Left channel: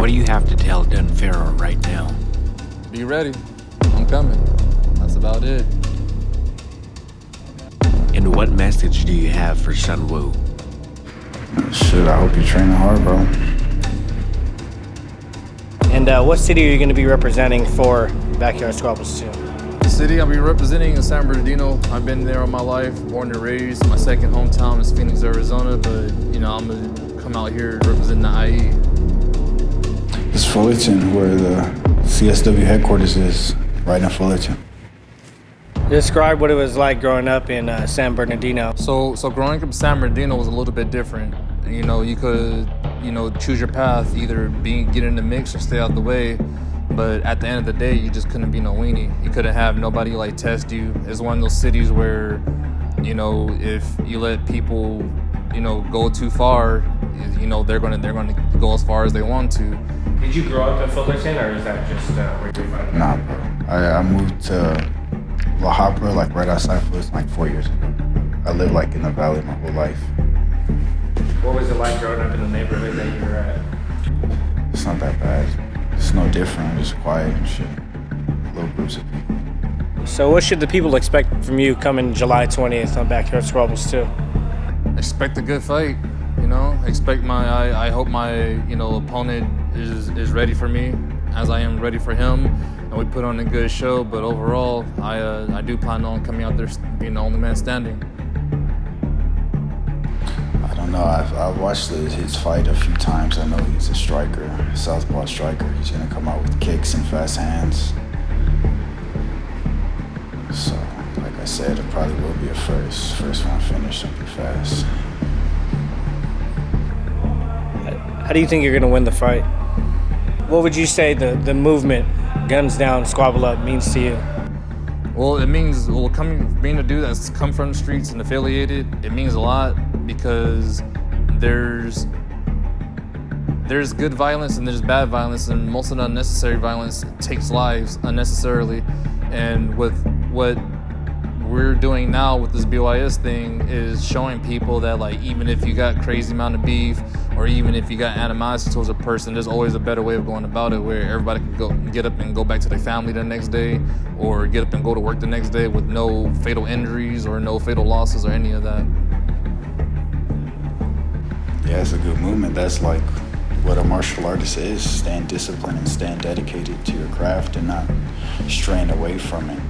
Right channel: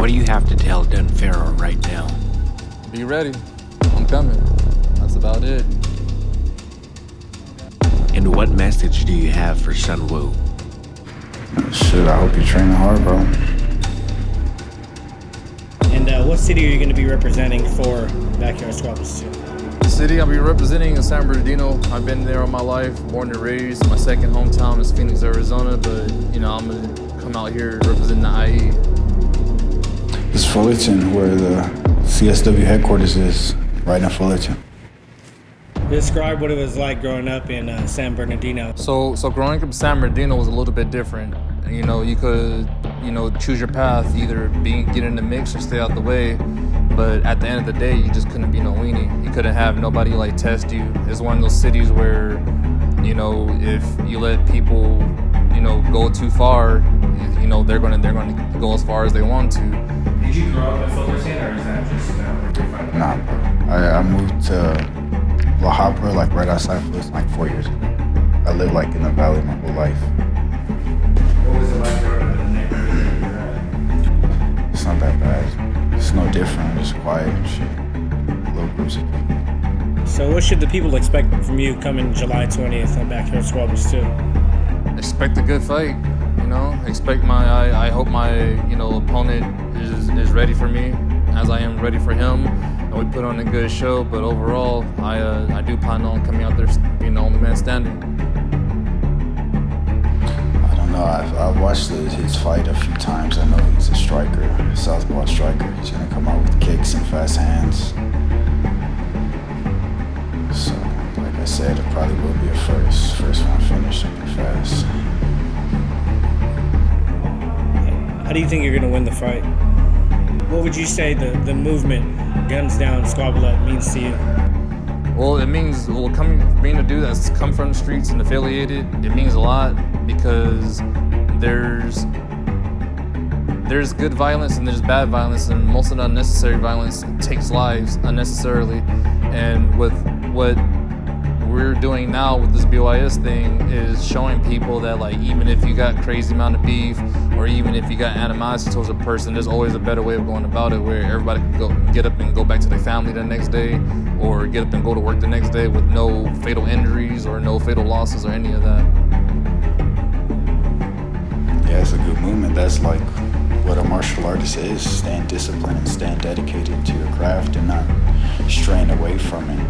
What do you have to tell Dunn Farrow right now? Be ready. I'm coming. That's about it. And what message do you have for SunWu? Shit, I hope you're training hard, bro. And what city are you going to be representing for Backyard Squabbles 2? The city I'll be representing is San Bernardino. I've been there all my life, born and raised. My second hometown is Phoenix, Arizona, but I'm gonna come out here representing the IE. It's Fullerton, where the CSW headquarters is, right in Fullerton. Describe what it was like growing up in San Bernardino. So growing up in San Bernardino was a little bit different. You could, choose your path, either get in the mix or stay out the way. But at the end of the day, you just couldn't be no weenie. You couldn't have nobody test you. It's one of those cities where, if you let people, go too far, they're gonna go as far as they want to. Did you grow up in Fullerton, or is that just where you're from? Nah, bro. I moved to La Habra, right outside Fullerton, 4 years ago. I lived in the valley my whole life. What was it like growing up in the neighborhood that you're at? It's not that bad. It's no different, just quiet and shit. Little groups of people. So what should the people expect from you coming July 20th on Backyard Squabbles 2? Expect a good fight, Expect I hope my, opponent is ready for me, as I am ready for him. And we put on a good show, but overall, I do plan on coming out there being the only man standing. I don't know. I've watched his fight a few times. I know he's a striker, southpaw striker. He's gonna come out with kicks and fast hands. So, like I said, it probably will be a first round finish, something fast. How do you think you're going to win the fight? What would you say the movement, guns down, squabble up, means to you? Well, it means, being a dude that's come from the streets and affiliated, it means a lot because there's good violence and there's bad violence, and most of the unnecessary violence takes lives unnecessarily. And with what we're doing now with this BYS thing is showing people that even if you got crazy amount of beef, or even if you got animosity towards a person, there's always a better way of going about it, where everybody can get up and go back to their family the next day, or get up and go to work the next day with no fatal injuries or no fatal losses or any of that. Yeah, it's a good movement. That's what a martial artist is. Stand disciplined and stand dedicated to your craft and not straying away from it.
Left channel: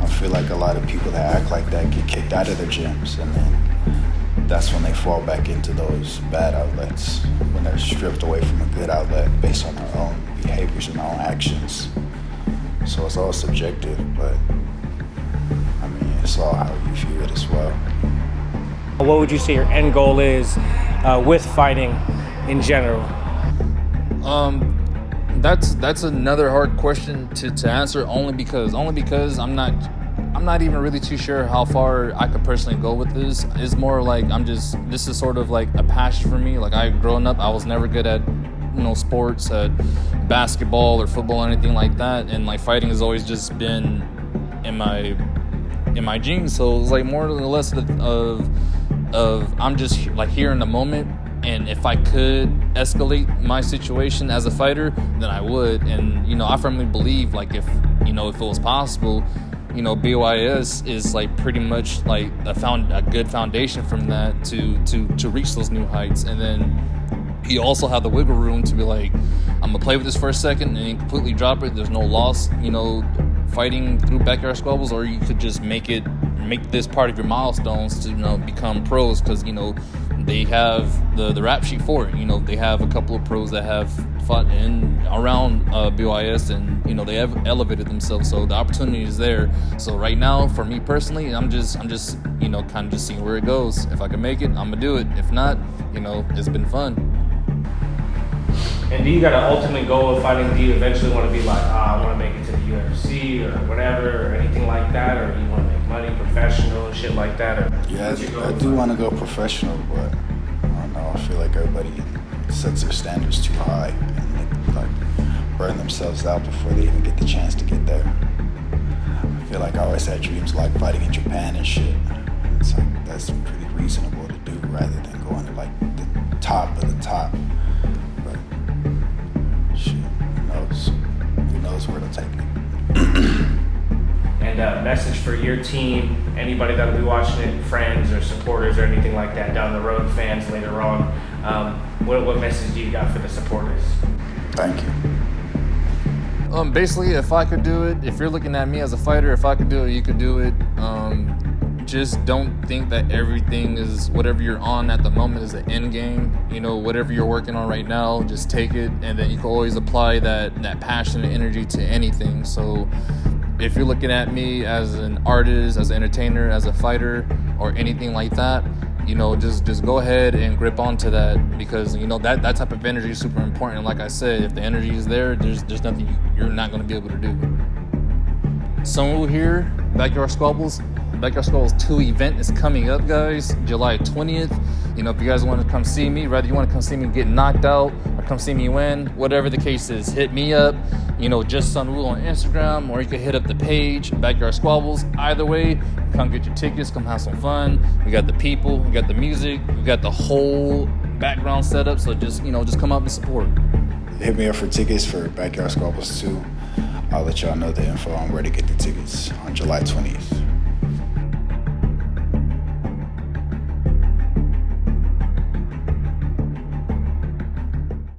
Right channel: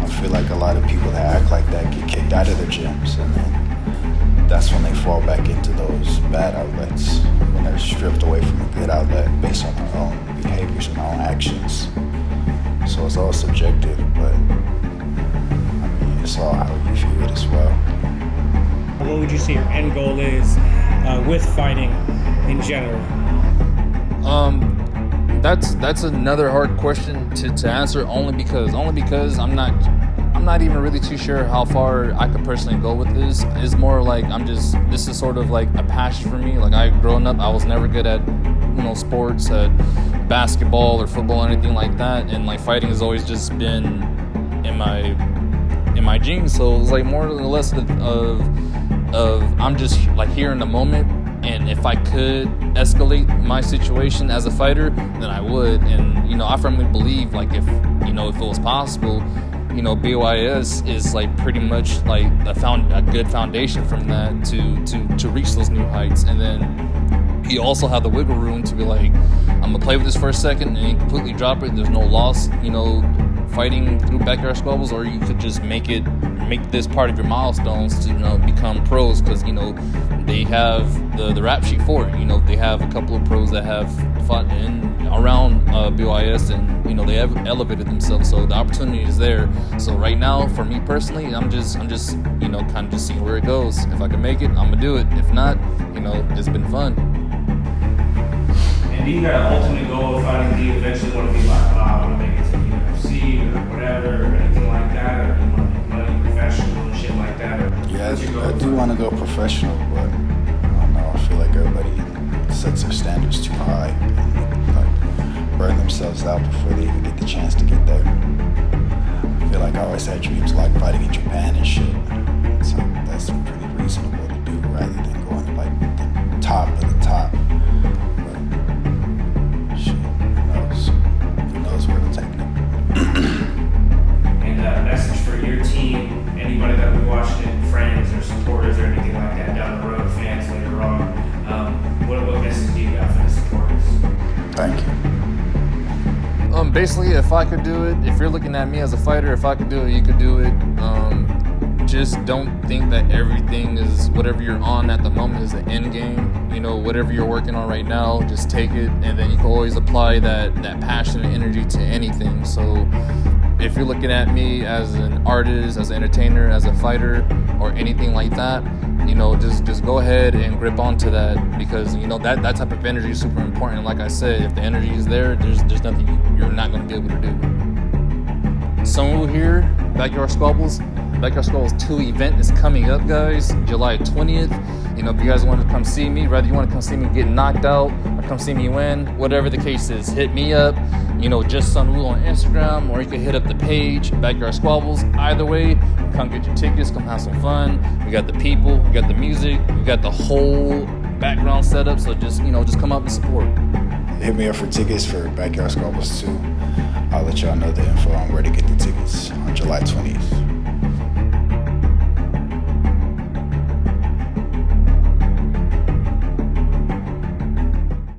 I feel like a lot of people that act like that get kicked out of their gyms, and then that's when they fall back into those bad outlets, when they're stripped away from a good outlet based on their own behaviors and their own actions. So it's all subjective, but it's all how you view it as well. What would you say your end goal is with fighting in general? That's another hard question to answer, only because I'm not even really too sure how far I could personally go with this. It's more this is sort of a passion for me. Growing up, I was never good at sports, basketball or football or anything like that, and fighting has always just been in my genes. So it's more or less of I'm just here in the moment. And if I could escalate my situation as a fighter, then I would. And I firmly believe if it was possible, BYS is pretty much a good foundation from that to reach those new heights. And then you also have the wiggle room to be I'm gonna play with this for a second and then completely drop it. There's no loss, fighting through Backyard Squabbles, or you could just make this part of your milestones to become pros, because they have the rap sheet for it. They have a couple of pros that have fought around BYS, and they have elevated themselves, so the opportunity is there. So right now, for me personally, I'm just kind of just seeing where it goes. If I can make it, I'm gonna do it. If not, it's been fun. And do you got an ultimate goal of fighting? Do you eventually want to be I want to make it to the UFC or whatever, or anything like that, or do you want to make money professional and shit like that? Or yeah, I do want to go professional, but I don't know. I feel like everybody sets their standards too high and burn themselves out before they even get the chance to get there. I feel like I always had dreams fighting in Japan and shit. So that's pretty reasonable to do rather than going to the top of the top. But message for your team, anybody that'll be watching it, friends or supporters or anything like that down the road, fans later on, what message do you got for the supporters? Thank you. Basically, if I could do it, if you're looking at me as a fighter, if I could do it, you could do it. Just don't think that everything is, whatever you're on at the moment is the end game. You know, whatever you're working on right now, just take it, and then you can always apply that passion and energy to anything. So if you're looking at me as an artist, as an entertainer, as a fighter, or anything like that, you know, just go ahead and grip onto that, because, you know, that type of energy is super important. Like I said, if the energy is there, there's nothing you're not going to be able to do. SunWu here, Backyard Squabbles. Backyard Squabbles 2 event is coming up, guys, July 20th. You know, if you guys want to come see me, whether you want to come see me get knocked out or come see me win, whatever the case is, hit me up. You know, just SunWu on Instagram, or you can hit up the page, Backyard Squabbles. Either way, come get your tickets, come have some fun. We got the people, we got the music, we got the whole background setup. So just, you know, just come up and support. Hit me up for tickets for Backyard Squabbles 2. I'll let y'all know the info on where to get the tickets on July 20th.